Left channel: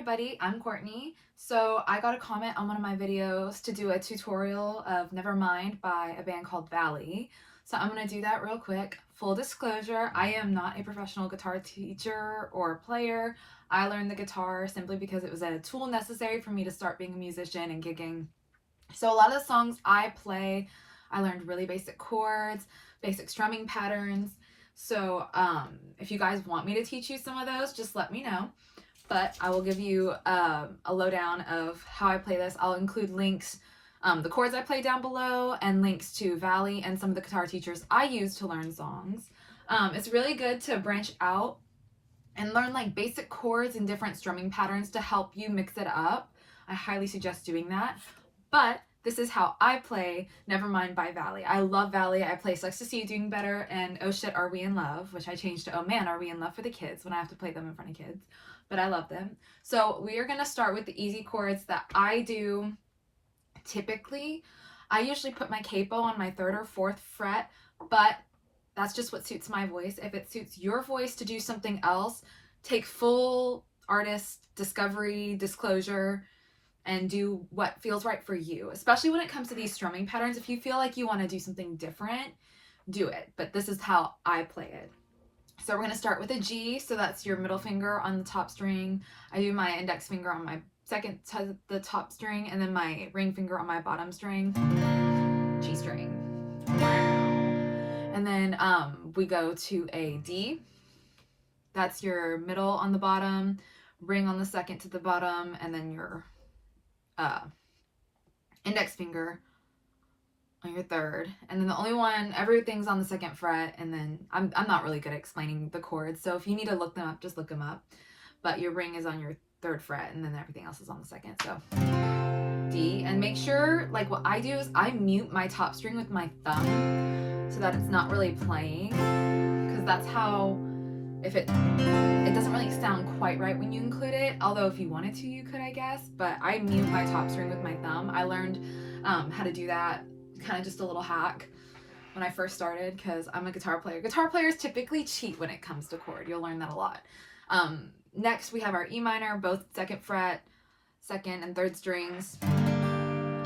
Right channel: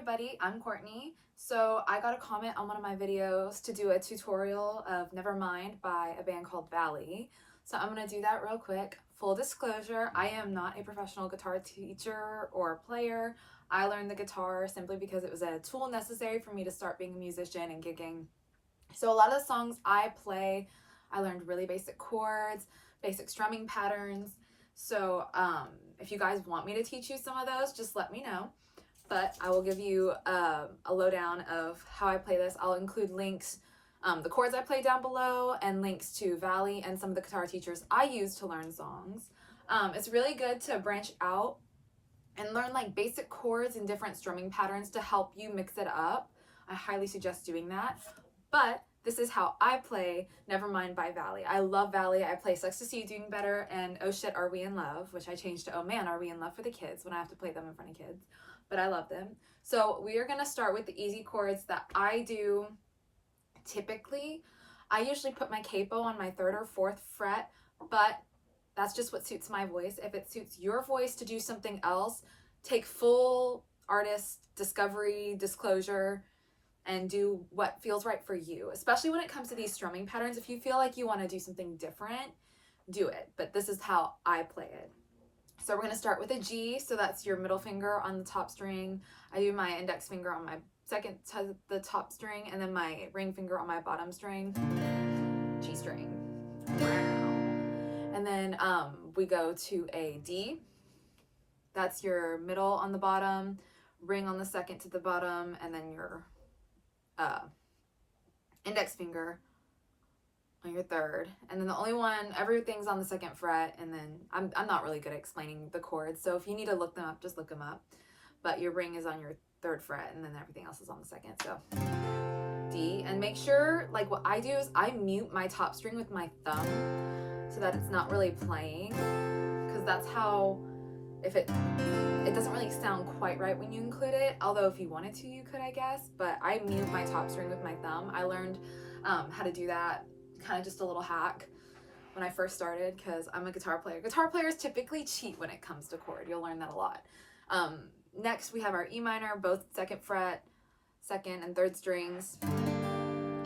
everybody, I'm Courtney. So I got a comment on one of my videos to do a tutorial of Nevermind by a band called Valley. So I'm going to do that real quick. Full disclosure, I am not a professional guitar teacher or player. I learned the guitar simply because it was a tool necessary for me to start being a musician and gigging. So a lot of the songs I play, I learned really basic chords, basic strumming patterns. So if you guys want me to teach you some of those, just let me know. But I will give you a lowdown of how I play this. I'll include links, the chords I play down below, and links to Valley and some of the guitar teachers I use to learn songs. It's really good to branch out and learn like basic chords and different strumming patterns to help you mix it up. I highly suggest doing that. But this is how I play Nevermind by Valley. I love Valley. I play Sucks to See You Doing Better and Oh Shit Are We in Love, which I changed to Oh Man Are We in Love for the kids when I have to play them in front of kids. But I love them. So we are going to start with the easy chords that I do typically. I usually put my capo on my 3rd or 4th fret, but that's just what suits my voice. If it suits your voice to do something else, take full artist discovery, disclosure, and do what feels right for you, especially when it comes to these strumming patterns. If you feel like you want to do something different, do it. But this is how I play it. So we're going to start with a G, so that's your middle finger on the top string. I do my index finger on my second to the top string, and then my ring finger on my bottom string. G string. And then we go to a D. That's your middle on the bottom, ring on the second to the bottom, and then your index finger on your 3rd, and then the only one, everything's on the 2nd fret, and then I'm not really good at explaining the chords, so if you need to look them up, just look them up. But your ring is on your 3rd fret, and then everything else is on the 2nd. So D, and make sure, like what I do is I mute my top string with my thumb so that it's not really playing, because that's how, if it doesn't really sound quite right when you include it, although if you wanted to, you could, I guess. But I mute my top string with my thumb. I learned how to do that, kind of just a little hack, when I first started, because I'm a guitar player. Guitar players typically cheat when it comes to chord. You'll learn that a lot. Next, we have our E minor, both 2nd fret, 2nd and 3rd strings,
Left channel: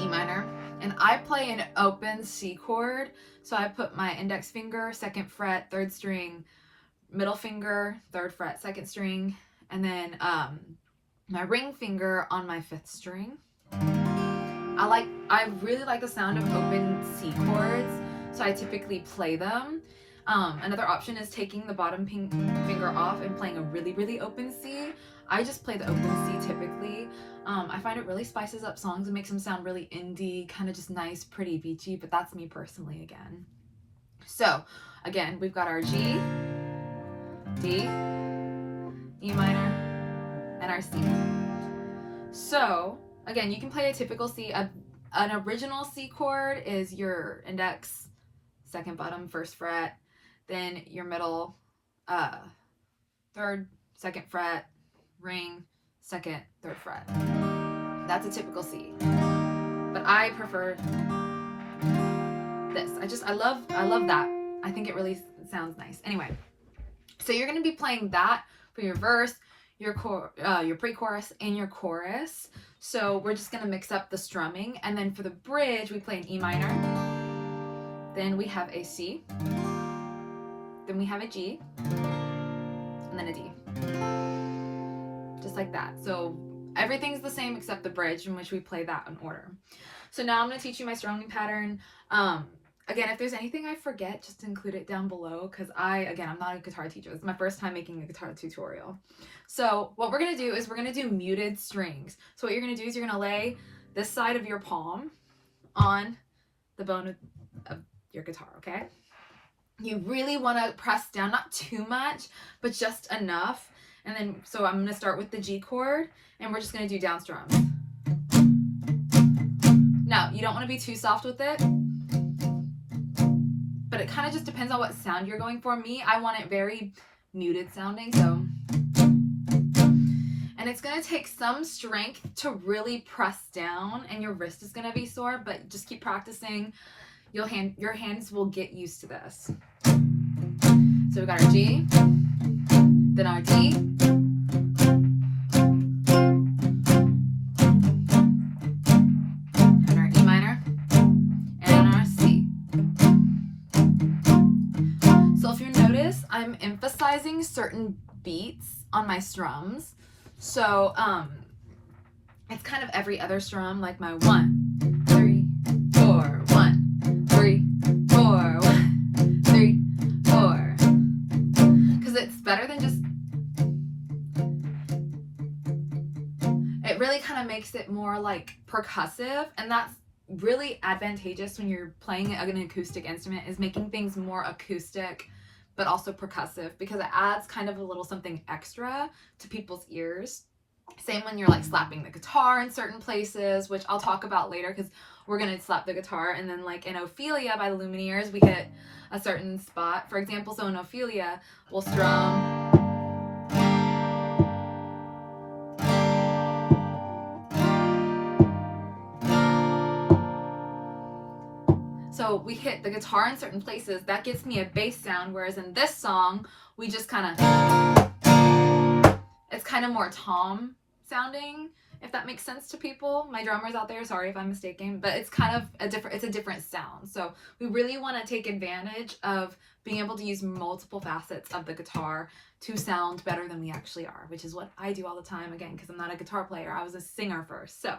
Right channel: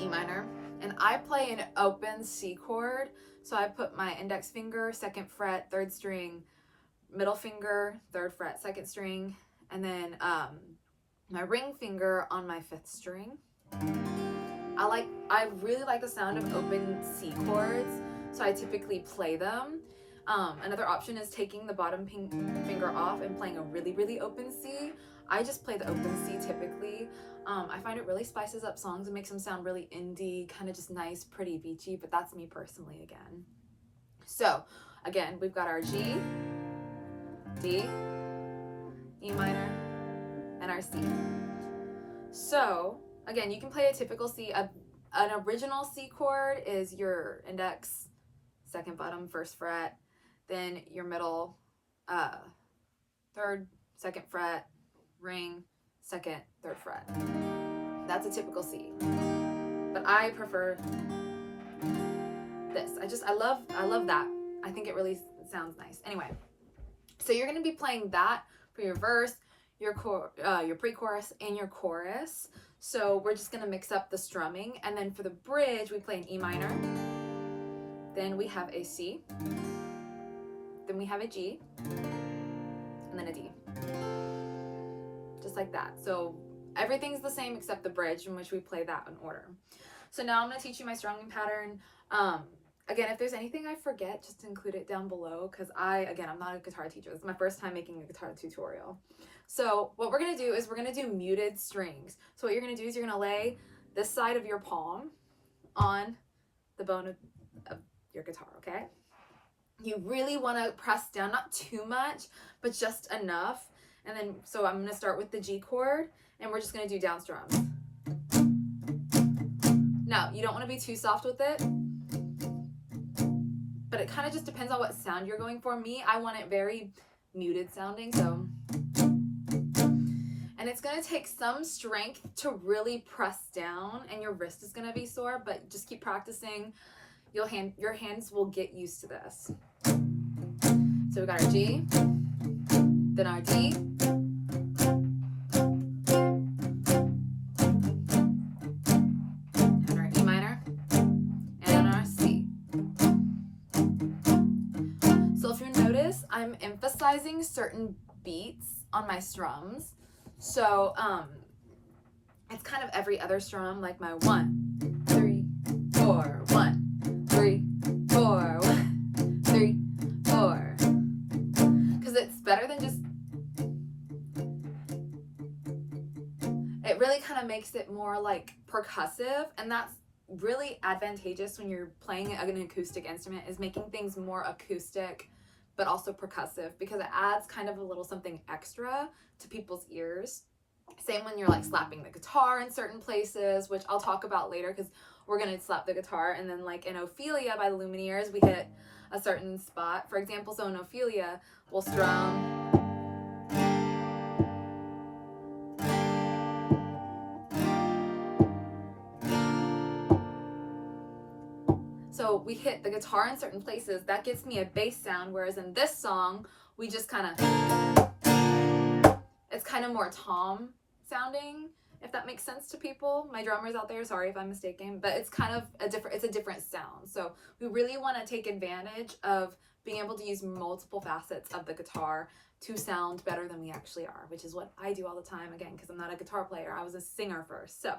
E minor. And I play an open C chord, so I put my index finger, 2nd fret, 3rd string, middle finger, 3rd fret, 2nd string, and then my ring finger on my 5th string. I really like the sound of open C chords, so I typically play them. Another option is taking the bottom finger off and playing a really, really open C. I just play the open C typically. I find it really spices up songs and makes them sound really indie, kind of just nice, pretty, beachy, but that's me personally again. So, again, we've got our G, D, E minor, and our C. So, again, you can play a typical C. An original C chord is your index, 2nd bottom, 1st fret, then your middle, 3rd, 2nd fret, ring, 2nd, 3rd fret. That's a typical C. But I prefer this. I love that. I think it really sounds nice. Anyway, so you're going to be playing that for your verse, your pre-chorus, and your chorus. So we're just going to mix up the strumming. And then for the bridge, we play an E minor. Then we have a C. Then we have a G. And then a D. Just like that. So everything's the same except the bridge, in which we play that in order. So now I'm going to teach you my strumming pattern. Again, if there's anything I forget, just include it down below, because I'm not a guitar teacher. This is my first time making a guitar tutorial. So what we're going to do is we're going to do muted strings. So what you're going to do is you're going to lay this side of your palm on the bone of your guitar, okay? You really want to press down, not too much, but just enough. And then, so I'm going to start with the G chord, and we're just going to do down strums. Now, you don't want to be too soft with it, but it kind of just depends on what sound you're going for. Me, I want it very muted sounding, so. And it's going to take some strength to really press down, and your wrist is going to be sore, but just keep practicing. Your hands will get used to this. So we got our G, then our D, I'm emphasizing certain beats on my strums. So it's kind of every other strum, like my 1, 3, 4, 1, 3, 4, 1, 3, 4. Because it's better than just, it really kind of makes it more like percussive, and that's really advantageous when you're playing an acoustic instrument, is making things more acoustic but also percussive, because it adds kind of a little something extra to people's ears. Same when you're like slapping the guitar in certain places, which I'll talk about later, because we're going to slap the guitar. And then like in Ophelia by the Lumineers, we hit a certain spot. For example, so in Ophelia, we'll strum. So we hit the guitar in certain places. That gives me a bass sound, whereas in this song, we just kind of, it's kind of more tom sounding, if that makes sense to people. My drummers out there, sorry if I'm mistaken, but it's kind of it's a different sound. So we really want to take advantage of being able to use multiple facets of the guitar to sound better than we actually are, which is what I do all the time, again, because I'm not a guitar player. I was a singer first. So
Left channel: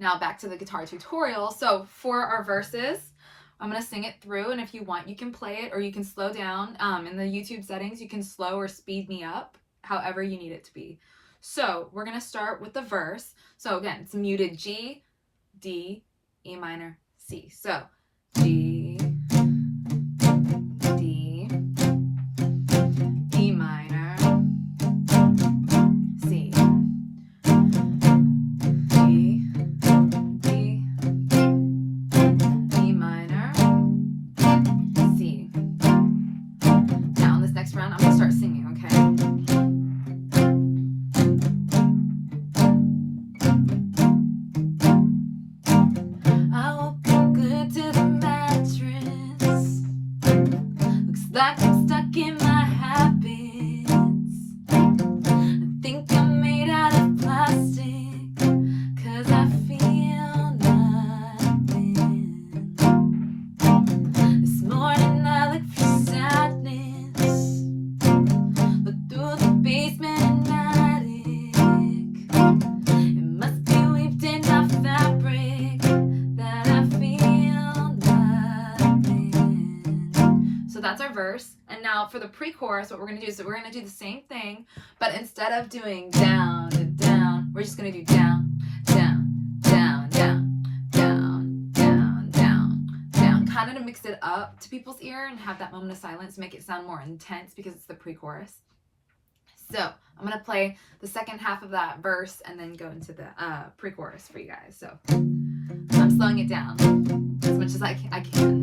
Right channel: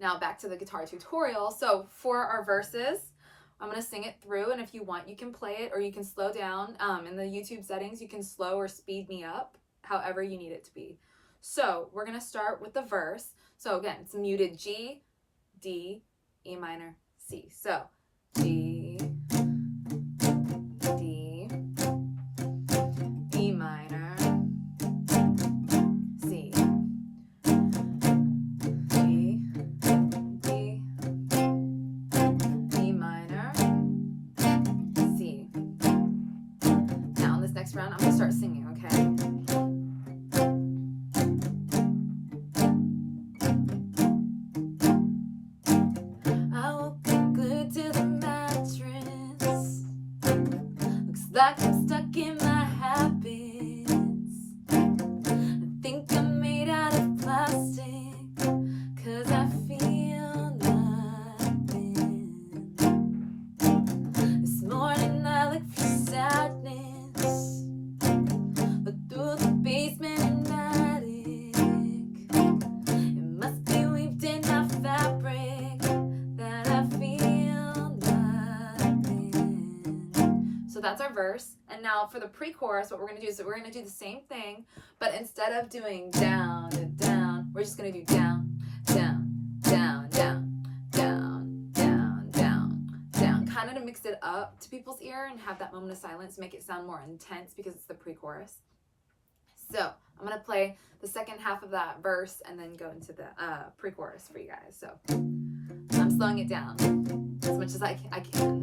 now back to the guitar tutorial. So for our verses, I'm going to sing it through, and if you want, you can play it or you can slow down. In the YouTube settings, you can slow or speed me up, however you need it to be. So we're going to start with the verse. So again, it's muted G, D, E minor, C. So G, D, E minor, C, G, D, E minor, C. Now in this next round, I'm going to start singing, okay? Like I'm stuck in my habits. I think I'm made out of plastic, 'cause I feel nothing. This morning I look for sadness, look through the basement and attic. It must be weaved in my fabric that I feel nothing. So that's our verse. And now for the pre-chorus, what we're going to do is we're going to do the same thing, but instead of doing down and down, we're just going to do down, down, down, down, down, down, down, down, kind of to mix it up to people's ear and have that moment of silence, make it sound more intense because it's the pre-chorus. So I'm going to play the second half of that verse and then go into the pre-chorus for you guys. So I'm slowing it down as much as I can.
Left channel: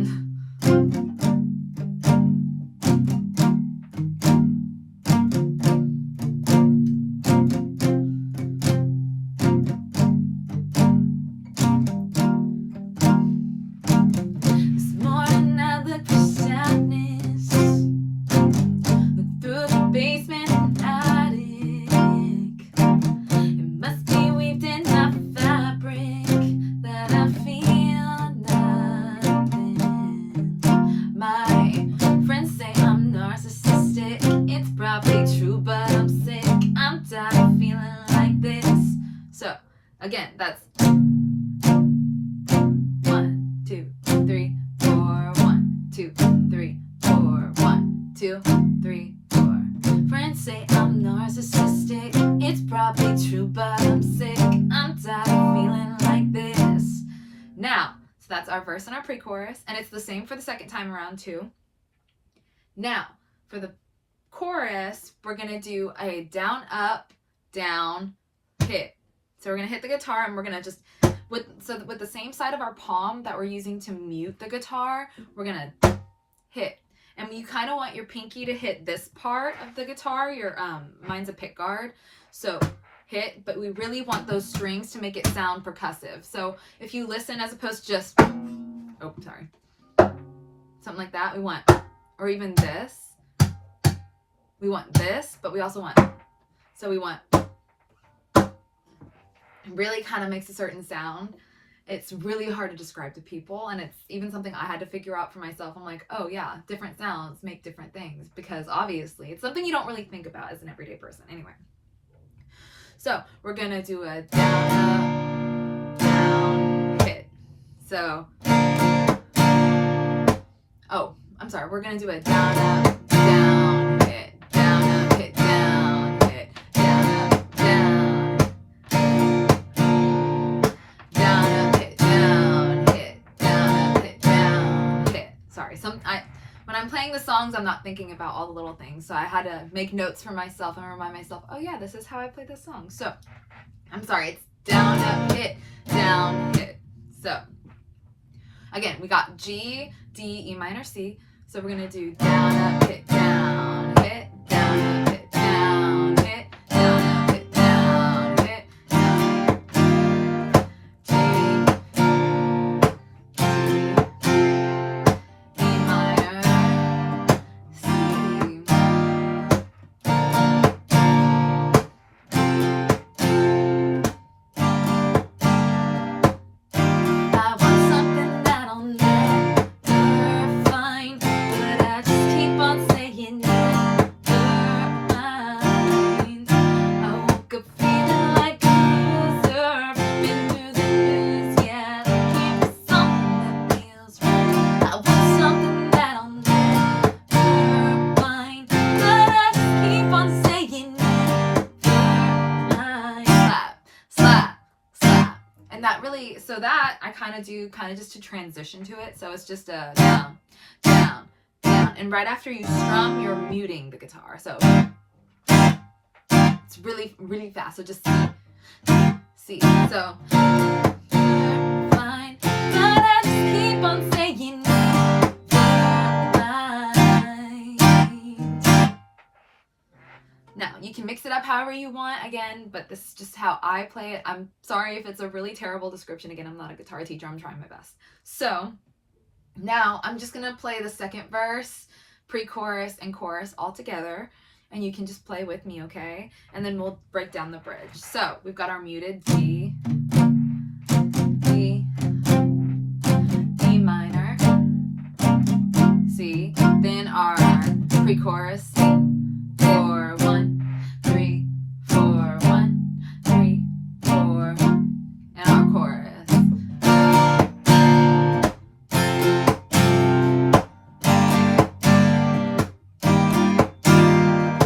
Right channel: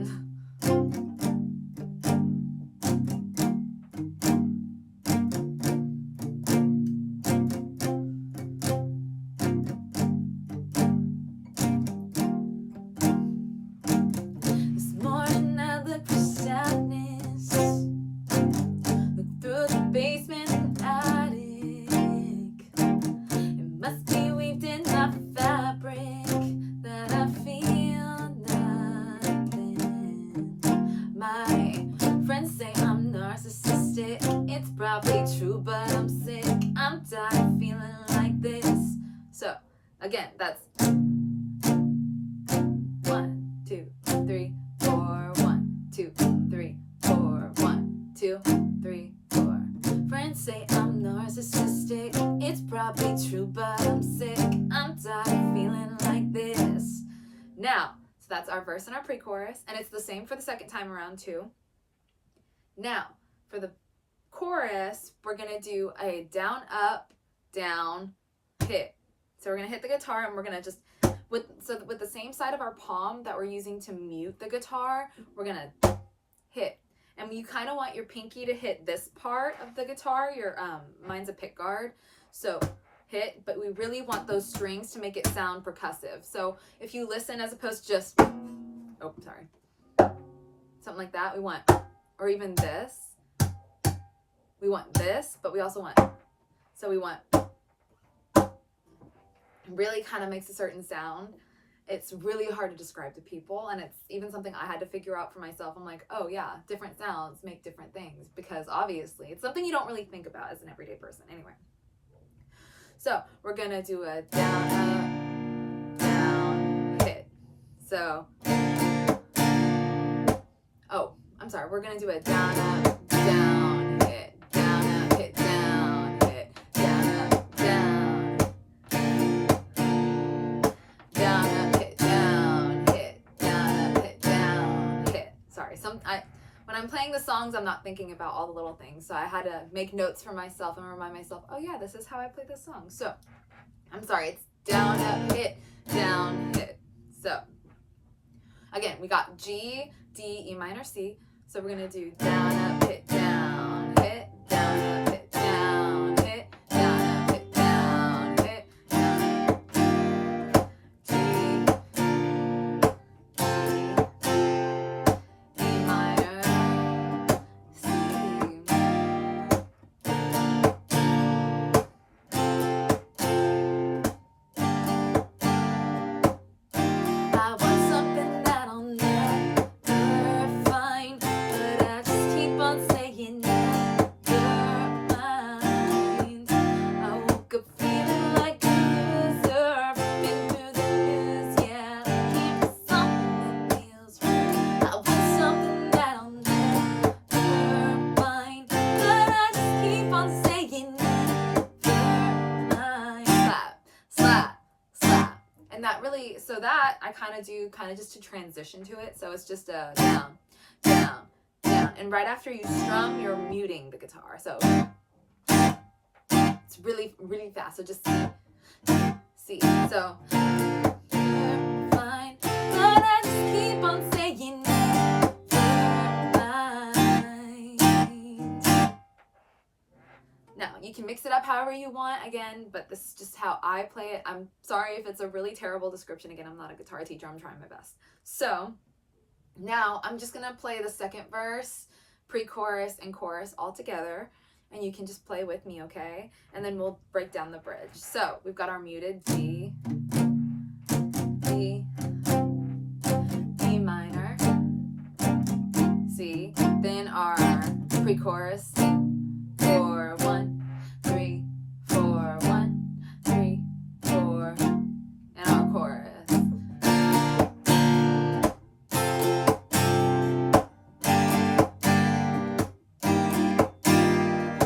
Again, that's 1, 2, 3, 4, 1, 2, 3, 4, 1, 2, 3, 4. Friends say I'm narcissistic. It's probably true, but I'm sick. I'm tired of feeling like this. Now, so that's our verse and our pre-chorus, and it's the same for the second time around too. Now, for the chorus, we're gonna do a down, up, down, hit. So we're going to hit the guitar, and we're going to just, with the same side of our palm that we're using to mute the guitar, we're going to hit. And you kind of want your pinky to hit this part of the guitar. Mine's a pick guard. So hit, but we really want those strings to make it sound percussive. So if you listen as opposed to just, oh, sorry, something like that, we want, or even this, we want this, but we also want, so we want, really kind of makes a certain sound. it's really hard to describe to people, and it's even something I had to figure out for myself. I'm like, oh yeah, different sounds make different things, because obviously it's something you don't really think about as an everyday person. Anyway, so we're gonna do a down, up, down, hit. So, oh, I'm sorry, we're gonna do a down, up, down, hit, down, up, hit, down, hit, down, up, down, down, up, hit, down, hit, down, up, hit, down, hit. Sorry, when I'm playing the songs, I'm not thinking about all the little things, so I had to make notes for myself and remind myself, oh yeah, this is how I play this song. So, I'm sorry, it's down, up, hit, down, hit. So, again, we got G, D, E minor, C. So we're gonna do down, up, hit, down, hit, down, up, hit, down, hit, down, up, hit, down, hit, down. G, E minor, C. I want something that I'll never find, but I just keep on saying Nevermind. I woke up feeling like a loser, been through the news, yeah. Give me something that feels right. I want something that I'll never find, but I just keep on saying Nevermind. Slap, slap, slap. And that really, so that I kind of do just to transition to it. So it's just a down, down, down. And right after you strum, you're muting the guitar. So it's really, really fast. So just C. So fine, but I just keep on saying Nevermind. Now, you can mix it up however you want, again, but this is just how I play it. I'm sorry if it's a really terrible description. Again, I'm not a guitar teacher. I'm trying my best. So, now I'm just going to play the second verse, pre-chorus, and chorus all together, and you can just play with me, okay? And then we'll break down the bridge. So, we've got our muted D, D, E minor, C, then our pre-chorus, 4, 1, 3, 4, 1, 3, 4, and our chorus.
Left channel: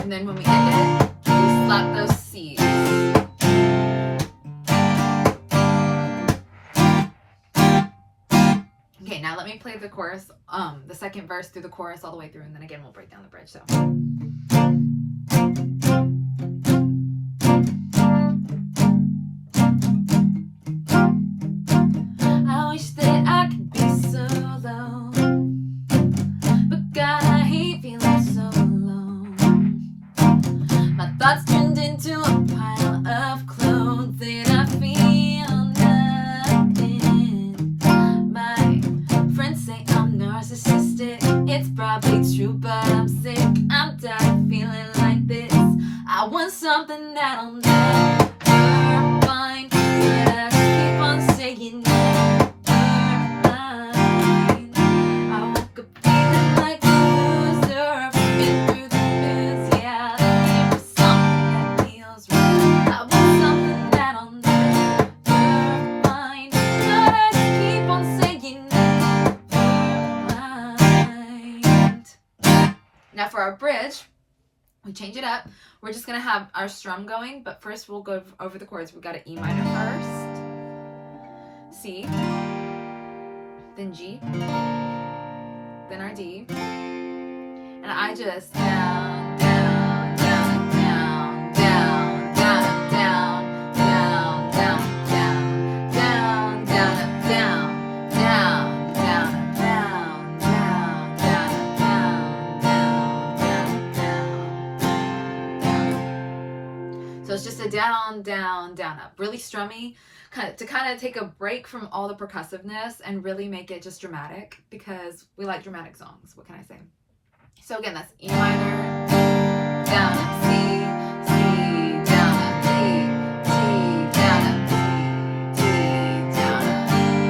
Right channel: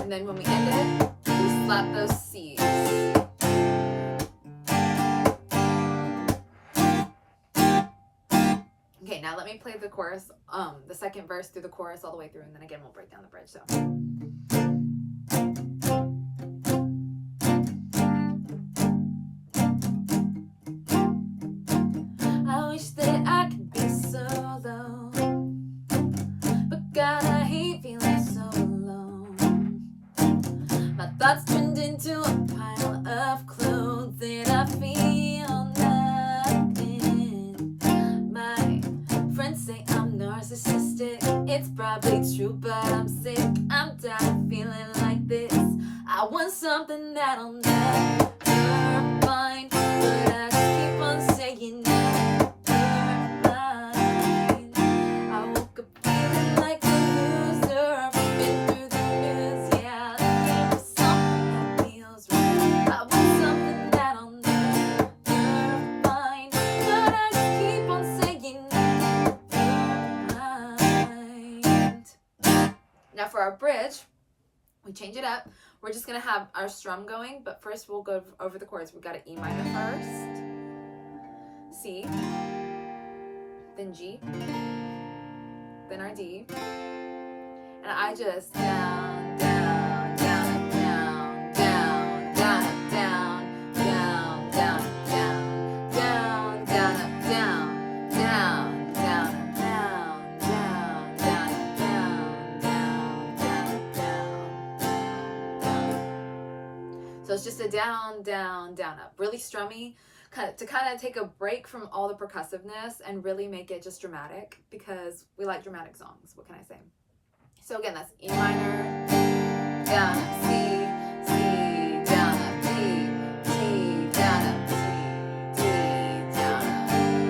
And then when we end it, we slap those C's. Okay, now let me play the chorus, the second verse through the chorus all the way through, and then again we'll break down the bridge. So. I wish that I could be solo, but God, I hate feeling so alone. My thoughts turned into a pile of clothes, and I feel nothing. My friends say I'm narcissistic. It's probably true, but I'm sick. I'm tired of feeling like this. I want something that I'll never find, but I just keep on saying Nevermind. I woke up feeling like a loser, been through the news, yeah. Give me something that feels right. I want something that I'll never find, but I just keep on saying Nevermind. Now for our bridge, we change it up. We're just going to have our strum going, but first we'll go over the chords. We've got an E minor first, C, then G, then our D, and I just down, down, down, down, down, down, down, down, down, down, down, down, down, down, down, down, down, down, down. So it's just a down, down, down, up. Really strummy, to kind of take a break from all the percussiveness and really make it just dramatic, because we like dramatic songs. What can I say? So again, that's E minor, down, up, C, C, down, up, D, D, down, up, D, D, down, up.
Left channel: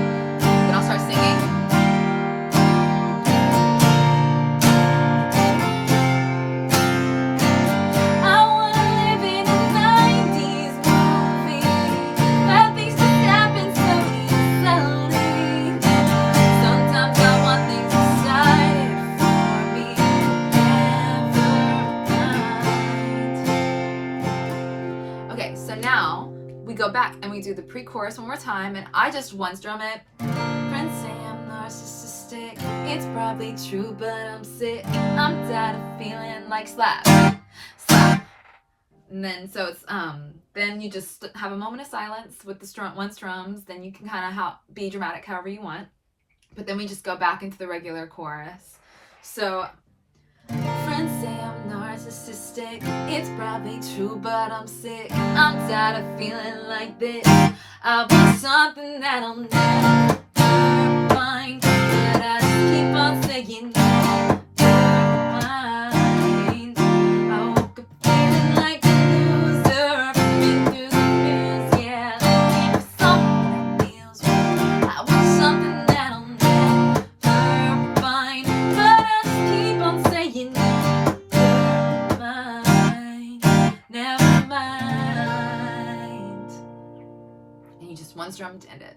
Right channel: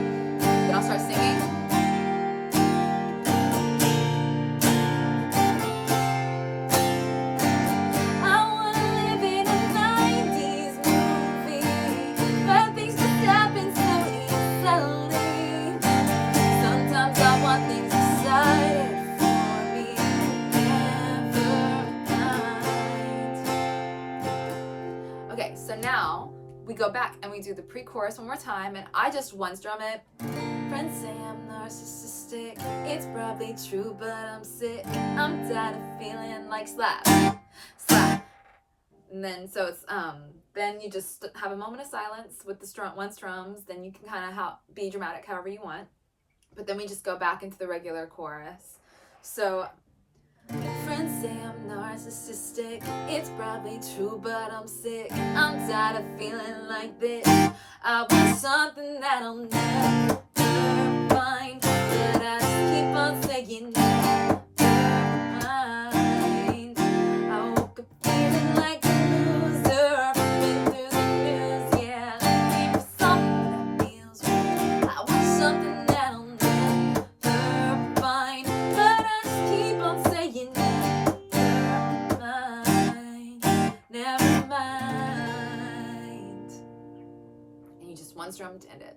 So now we go back and we do the pre-chorus one more time, and I just one strum it. Friends say I'm narcissistic, it's probably true, but I'm sick. I'm tired of feeling like slap, slap. And then so it's then you just have a moment of silence with the one strums. Then you can kind of be dramatic however you want. But then we just go back into the regular chorus. So friends say I'm narcissistic, it's probably true, but I'm sick. I'm tired of feeling like this. I want something that'll never find, but I just keep on saying never mind. I woke up feeling like a loser, been through the news, yeah. Looking for something that feels right. I want something that'll never find, but I just keep on saying never mind. And you just one strum to end it.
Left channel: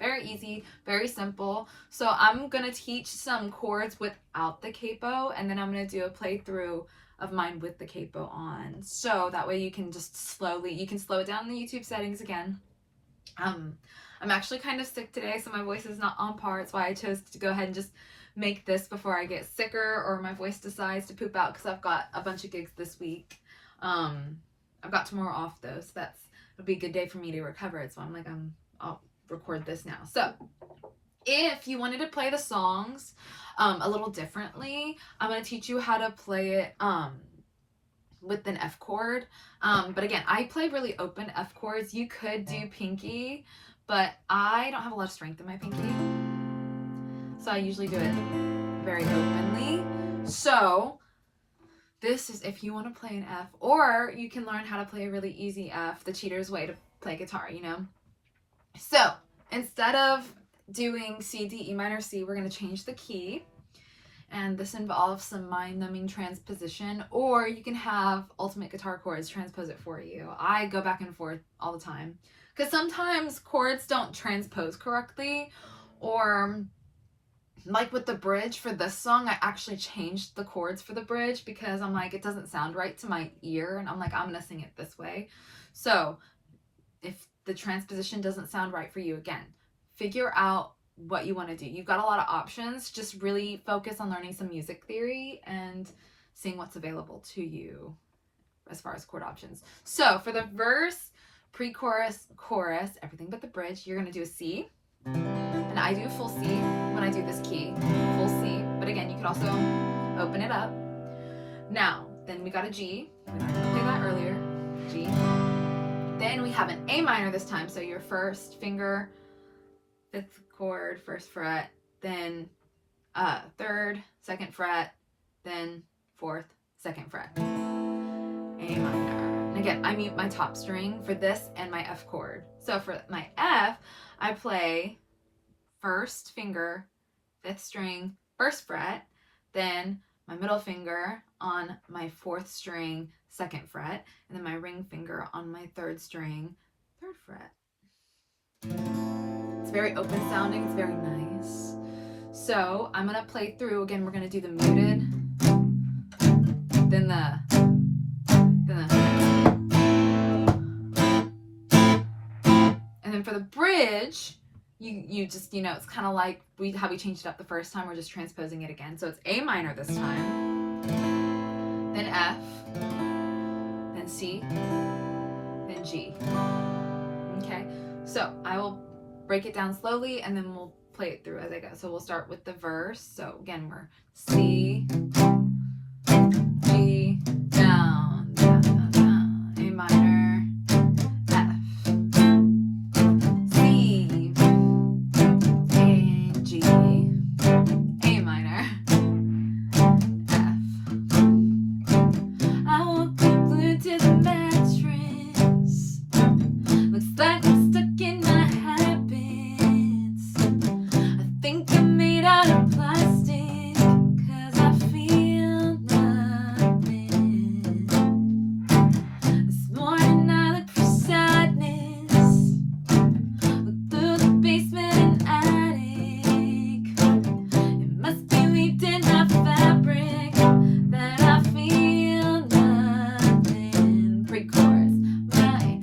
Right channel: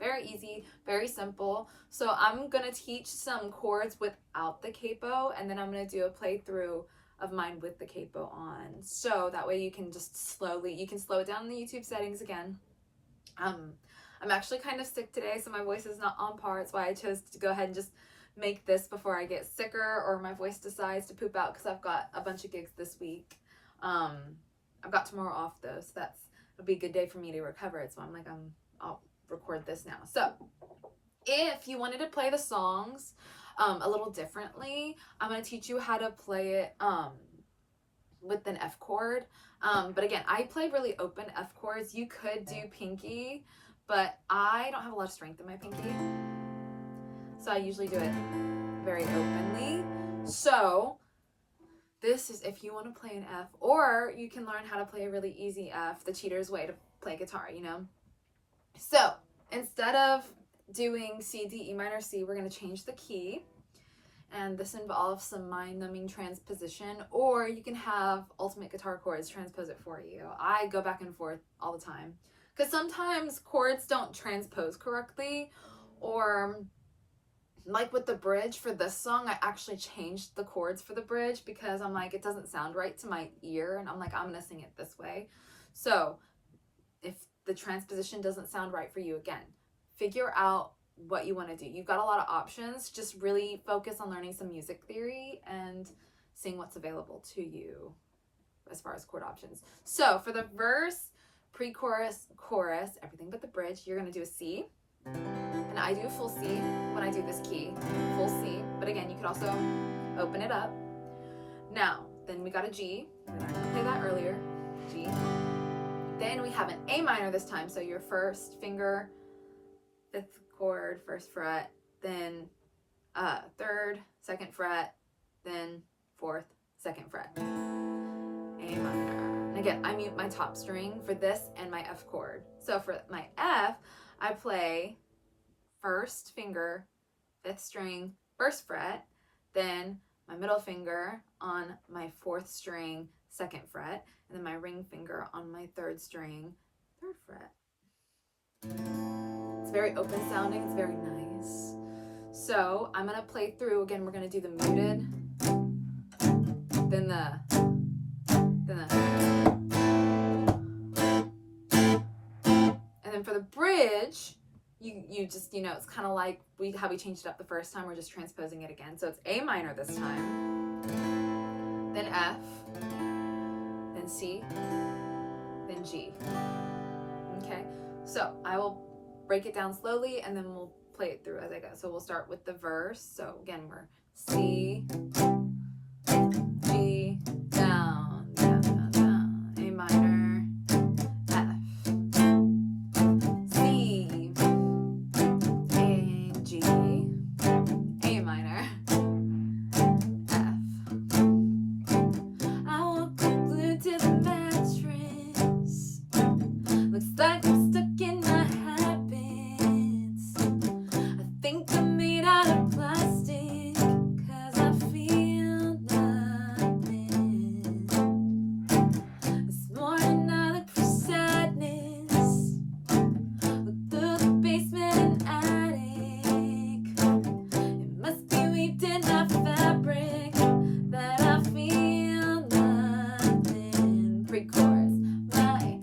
Very easy, very simple. So I'm gonna teach some chords without the capo, and then I'm gonna do a playthrough of mine with the capo on. So that way you can just slow it down in the YouTube settings again. I'm actually kind of sick today, so my voice is not on par. That's why I chose to go ahead and just make this before I get sicker or my voice decides to poop out, because I've got a bunch of gigs this week. I've got tomorrow off though, so it'll be a good day for me to recover it. So I'm like, I'll record this now. So if you wanted to play the songs a little differently, I'm going to teach you how to play it with an F chord. But again, I play really open F chords. You could do pinky, but I don't have a lot of strength in my pinky, so I usually do it very openly. So this is if you want to play an F, or you can learn how to play a really easy F, the cheater's way to play guitar, you know? So instead of doing C, D, E minor, C, we're going to change the key. And this involves some mind-numbing transposition, or you can have Ultimate Guitar Chords transpose it for you. I go back and forth all the time, because sometimes chords don't transpose correctly, or like with the bridge for this song, I actually changed the chords for the bridge because I'm like, it doesn't sound right to my ear, and I'm like, I'm going to sing it this way. So if the transposition doesn't sound right for you, again, figure out what you want to do. You've got a lot of options. Just really focus on learning some music theory and seeing what's available to you as far as chord options. So for the verse, pre-chorus, chorus, everything but the bridge, you're going to do a C. And I do a full C when I do this key, full C. But again, you could also open it up. Now, then we got a G. We were going to play that earlier. G. Then we have an A minor this time. So your first finger, fifth chord, first fret, then third, second fret, then fourth, second fret. A minor. And again, I mute my top string for this and my F chord. So for my F, I play first finger, fifth string, first fret, then my middle finger on my fourth string, second fret, and then my ring finger on my third string, third fret. It's very open sounding, it's very nice. So I'm gonna play through, again, we're gonna do the muted, then the and then for the bridge, you just, you know, it's kind of like how we changed it up the first time, we're just transposing it again. So it's A minor this time, then F, then C, then G. Okay, so I will break it down slowly and then we'll play it through as I go. So we'll start with the verse. So again, we're C, G, down, down, down, down, A minor, F, C, A, G, A minor, F. I woke up glued to the mattress. Looks like I'm stuck in my habits. I think I'm made out of plastic, 'cause I feel nothing. This morning I look for sadness. Look through the basement and attic. It must be weaved in my fabric that I feel nothing. Pre-chorus. My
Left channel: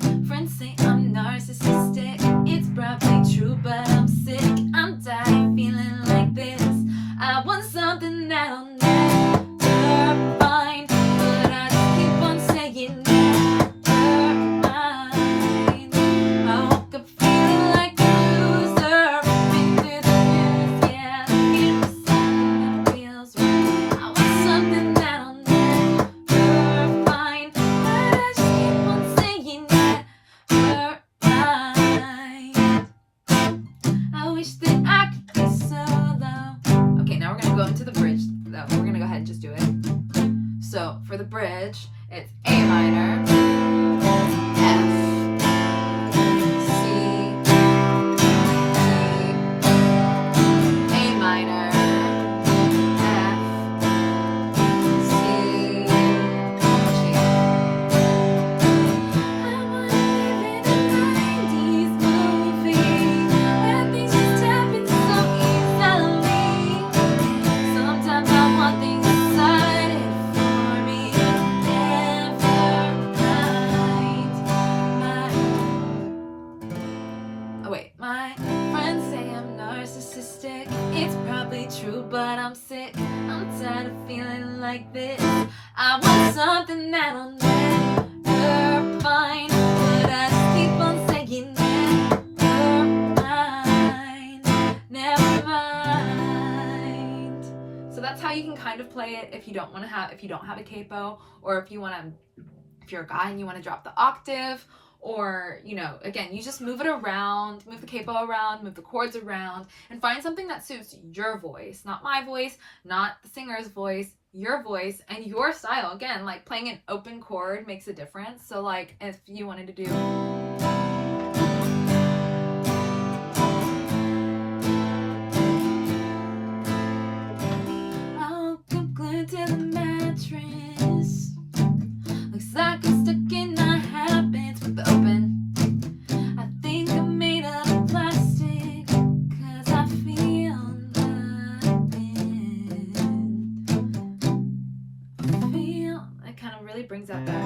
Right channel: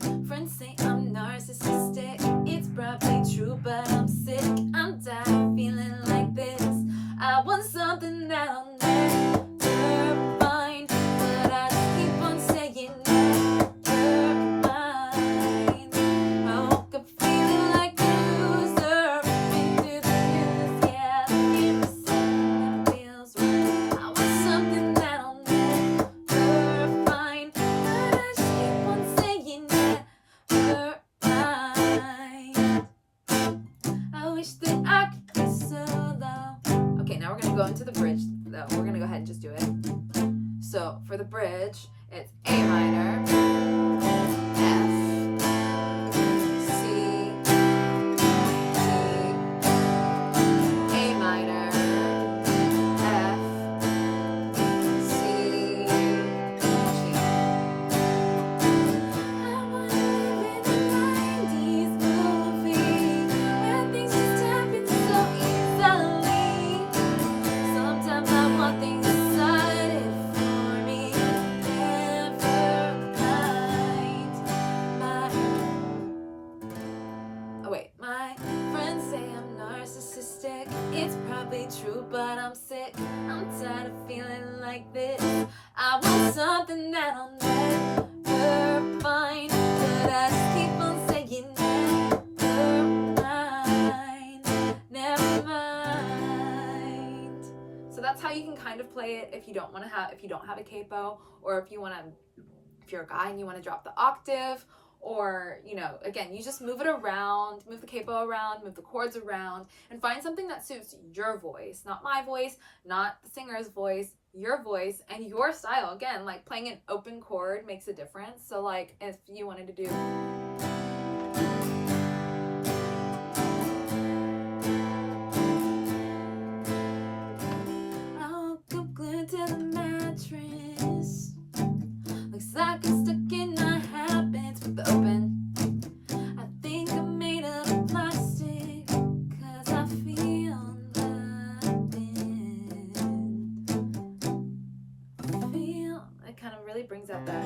tired of feeling like this. I want something that'll never find, but I just keep on saying never mind. So that's how you can kind of play it if you don't have a capo, or if you're a guy and you want to drop the octave, or, you know, again, you just move it around, move the capo around, move the chords around, and find something that suits your voice, not my voice, not the singer's voice, your voice and your style. Again, like playing an open chord makes a difference. So like if you wanted to do I'll come glued to the mattress, looks like I'm stuck in my habits with the open. I think I'm made of plastic, cause I feel nothing. It kind of really brings out that.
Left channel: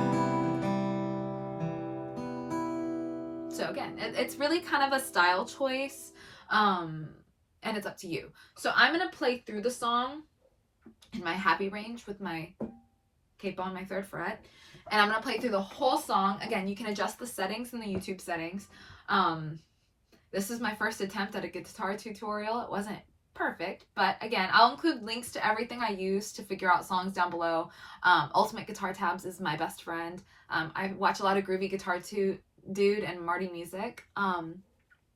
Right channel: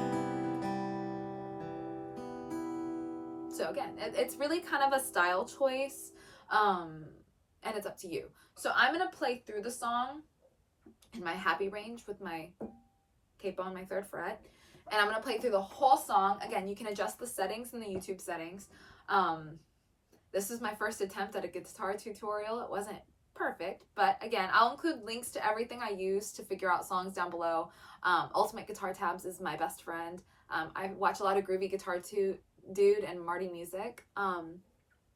So again, it's really kind of a style choice, and it's up to you. So I'm gonna play through the song in my happy range with my capo on my 3rd fret, and I'm gonna play through the whole song. Again, you can adjust the settings in the YouTube settings. This is my first attempt at a guitar tutorial. It wasn't perfect, but again, I'll include links to everything I use to figure out songs down below. Ultimate Guitar Tabs is my best friend. I watch a lot of Groovy Guitar Dude and Marty Music. And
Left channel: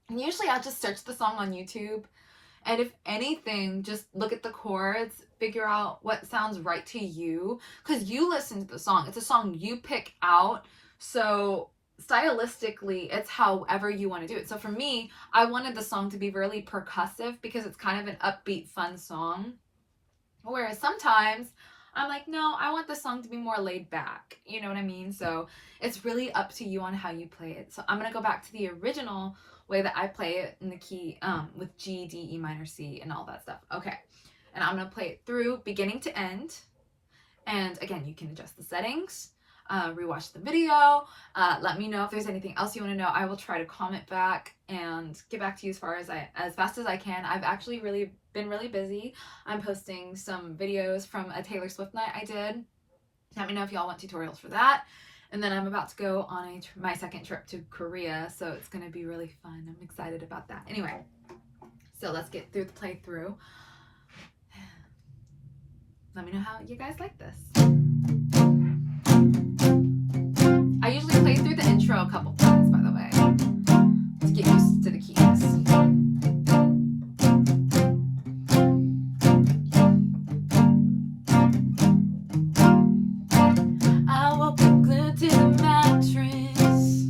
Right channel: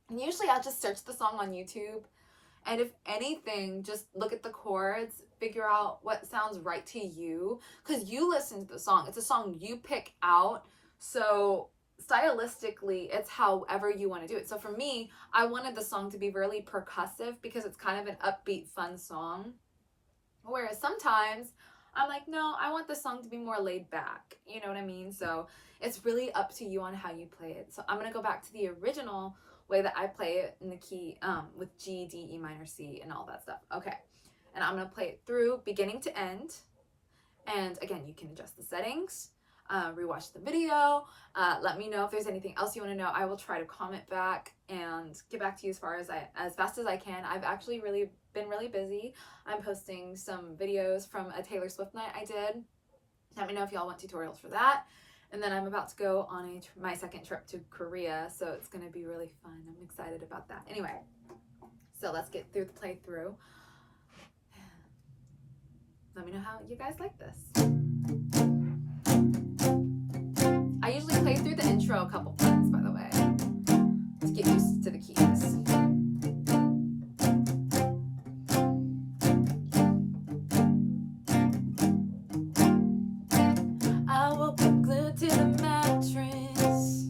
usually I'll just search the song on YouTube, and if anything, just look at the chords, figure out what sounds right to you, because you listen to the song. It's a song you pick out, so stylistically it's however you want to do it. So for me, I wanted the song to be really percussive because it's kind of an upbeat, fun song, whereas sometimes I'm like, no, I want the song to be more laid back, you know what I mean? So it's really up to you on how you play it. So I'm gonna go back to the original way that I play it in the key, with G, D, E minor, C, and all that stuff. Okay, and I'm gonna play it through beginning to end. And again, you can adjust the settings, rewatch the video, let me know if there's anything else you want to know. I will try to comment back and get back to you as fast as I can. I've actually been really busy. I'm posting some videos from a Taylor Swift night I did. Let me know if y'all want tutorials for that. And then I'm about to go on my 2nd trip to Korea, so it's going to be really fun. I'm excited about that. Anyway, so let's get through the playthrough. Let me know how you guys like this. I usually play through the intro a couple times, by the way, to get used to the keys. I woke up glued to the mattress,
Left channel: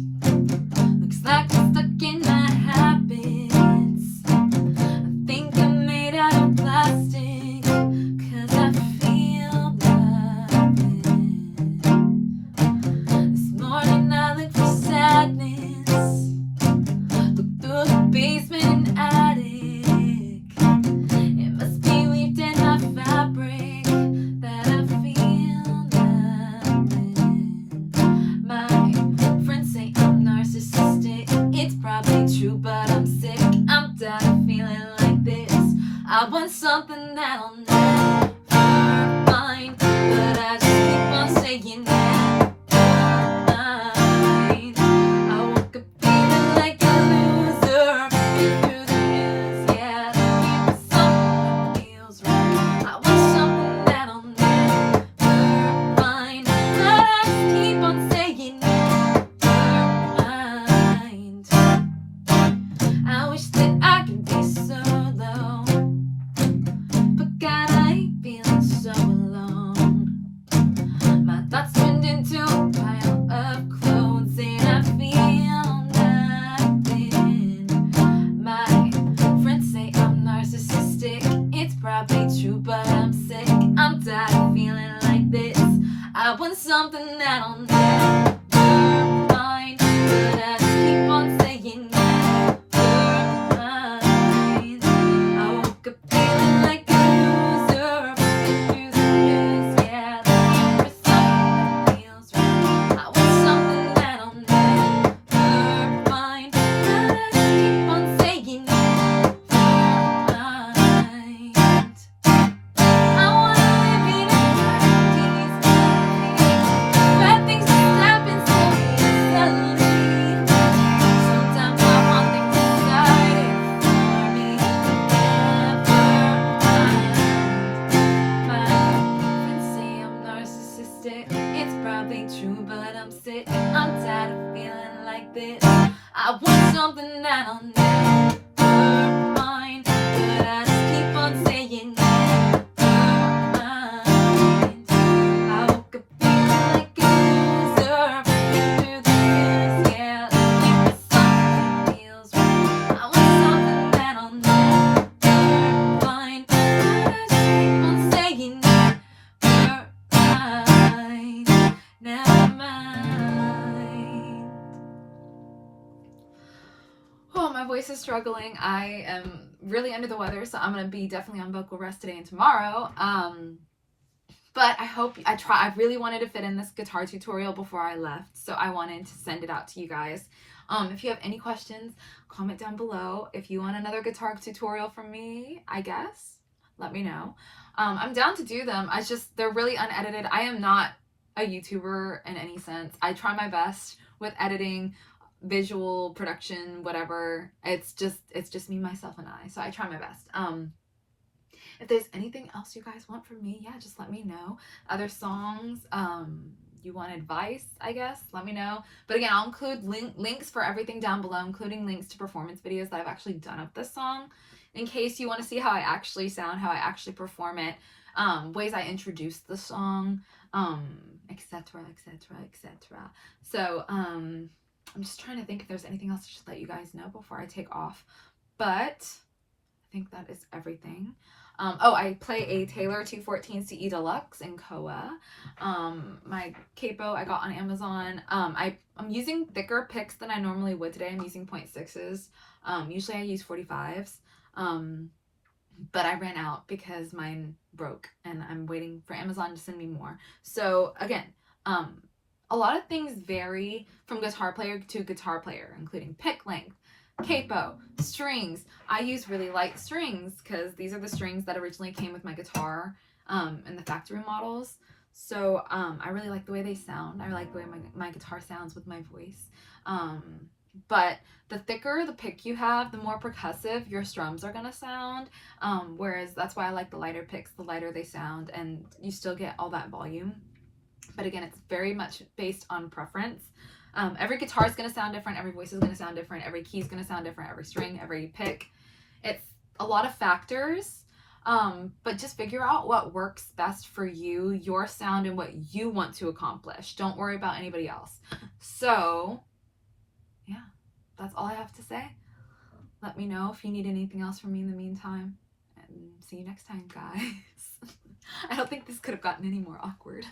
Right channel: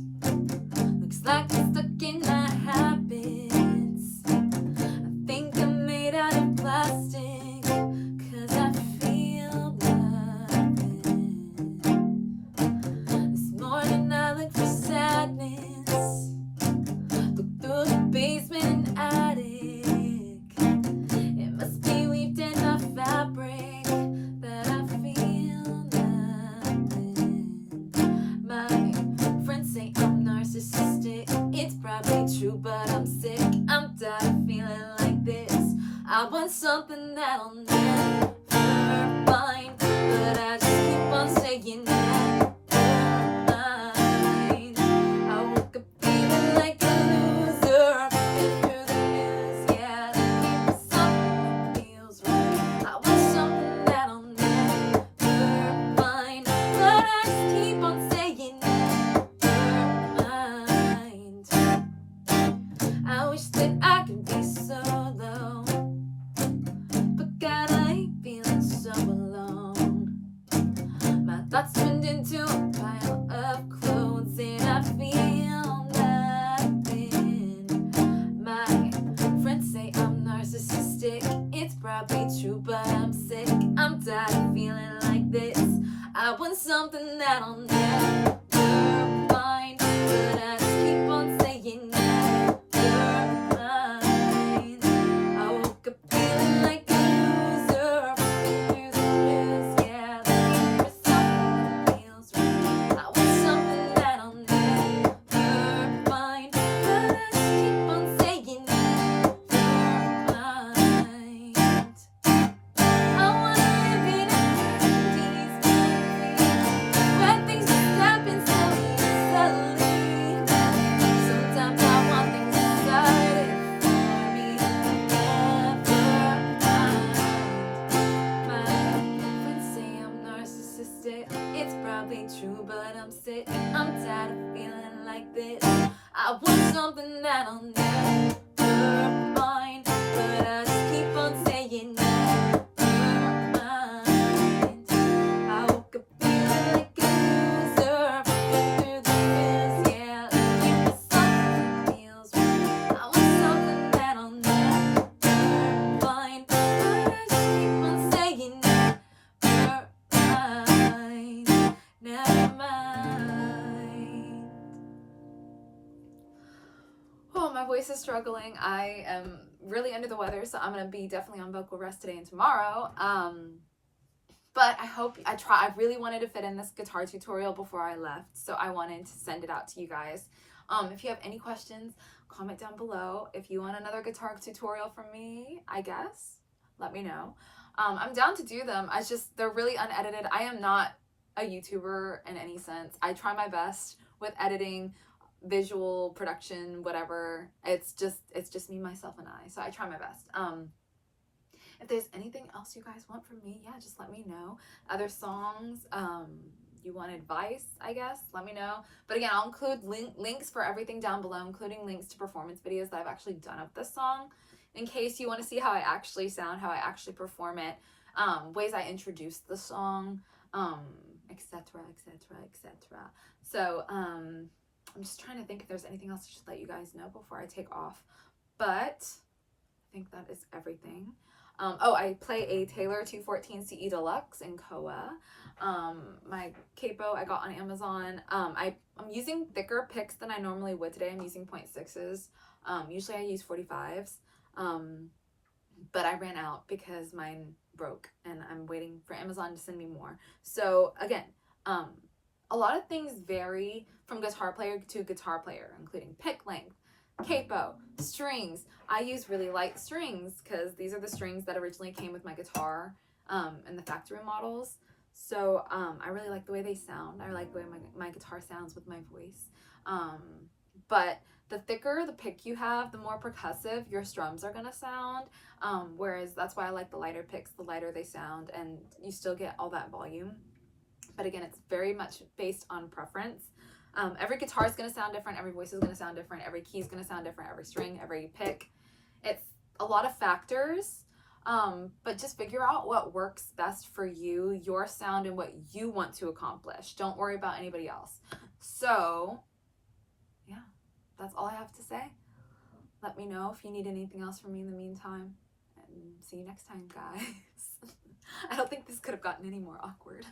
looks like I'm stuck in my habits. I think I'm made out of plastic, cause I feel nothing. This morning I look for sadness, look through the basement and attic. It must be weaved in my fabric that I feel nothing. My friends say I'm narcissistic, it's probably true, but I'm sick. I'm tired of feeling like this. I want something that'll never find, but I just keep on saying never mind. I woke up feeling like a loser, been through the years, yeah, there's something that feels right. I want something that'll never find, but I just keep on saying never mind. I wish that I could be solo, but God, I hate feeling so alone. My thoughts turned into a pile of clothes, and I feel nothing. My friends say I'm narcissistic, it's probably true, but I'm sick. I'm tired of feeling like this. I want something that'll never find, but I just keep on saying never mind. I woke up feeling like a loser, been through the years, yeah, there's something that feels right. I want something that'll never find, but I just keep on saying never mind. I wanna this. I want something that I'll never find, but I just keep on saying nevermind. I woke up feeling like a loser, through the years, yeah. Like something feels right. I want something that I'll never find, but I just keep on saying never mind. Oh, my voice is struggling. I am really under the weather, so I'm gonna be definitely on vocal rest today and tomorrow. But I really wanted to fit in this guitar tutorial before I left, so I wanted to send it out to you guys. If you have any questions, comment down below. If you want another guitar tutorial from me, I guess, let me know. I'm down to do them. They're really unedited. I am not a YouTuber in any sense. I try my best with editing, visual production, whatever. It's just me, myself, and I. So I try my best. If there's anything else you guys want from me, yeah, just let me know. Other songs, you want advice, I guess, let me know. But again, I'll include links for everything down below, including links to performance videos that I've actually done of this song, in case you want to see how I actually sound, how I actually perform it, ways I introduce the song, etc., etc., etc. So, I'm just trying to think if there's anything else I should let you guys know before I take off. But I think that is everything. I play a Taylor 214 CE Deluxe in Koa. My capo I got on Amazon. I'm using thicker picks than I normally would today. I'm using 0.6s. Usually I use 45s. But I ran out because mine broke, and I'm waiting for Amazon to send me more. So again, a lot of things vary from guitar player to guitar player, including pick length, capo, strings. I use really light strings because these are the strings that originally came with my guitar in the factory models. So I really like the way they sound. I like the way my guitar sounds with my voice. But the thicker the pick you have, the more percussive your strums are gonna sound. Whereas that's why I like the lighter picks. The lighter they sound, and you still get all that volume. But again, it's very much based on preference. Every guitar is going to sound different. Every voice is going to sound different. Every key is going to sound different. Every string, every pick. It's a lot of factors. But just figure out what works best for you, your sound, and what you want to accomplish. Don't worry about anybody else. So, yeah, that's all I have to say. Let me know if you need anything else from me in the meantime. And see you next time, guys. I don't think this could have gotten any more awkward.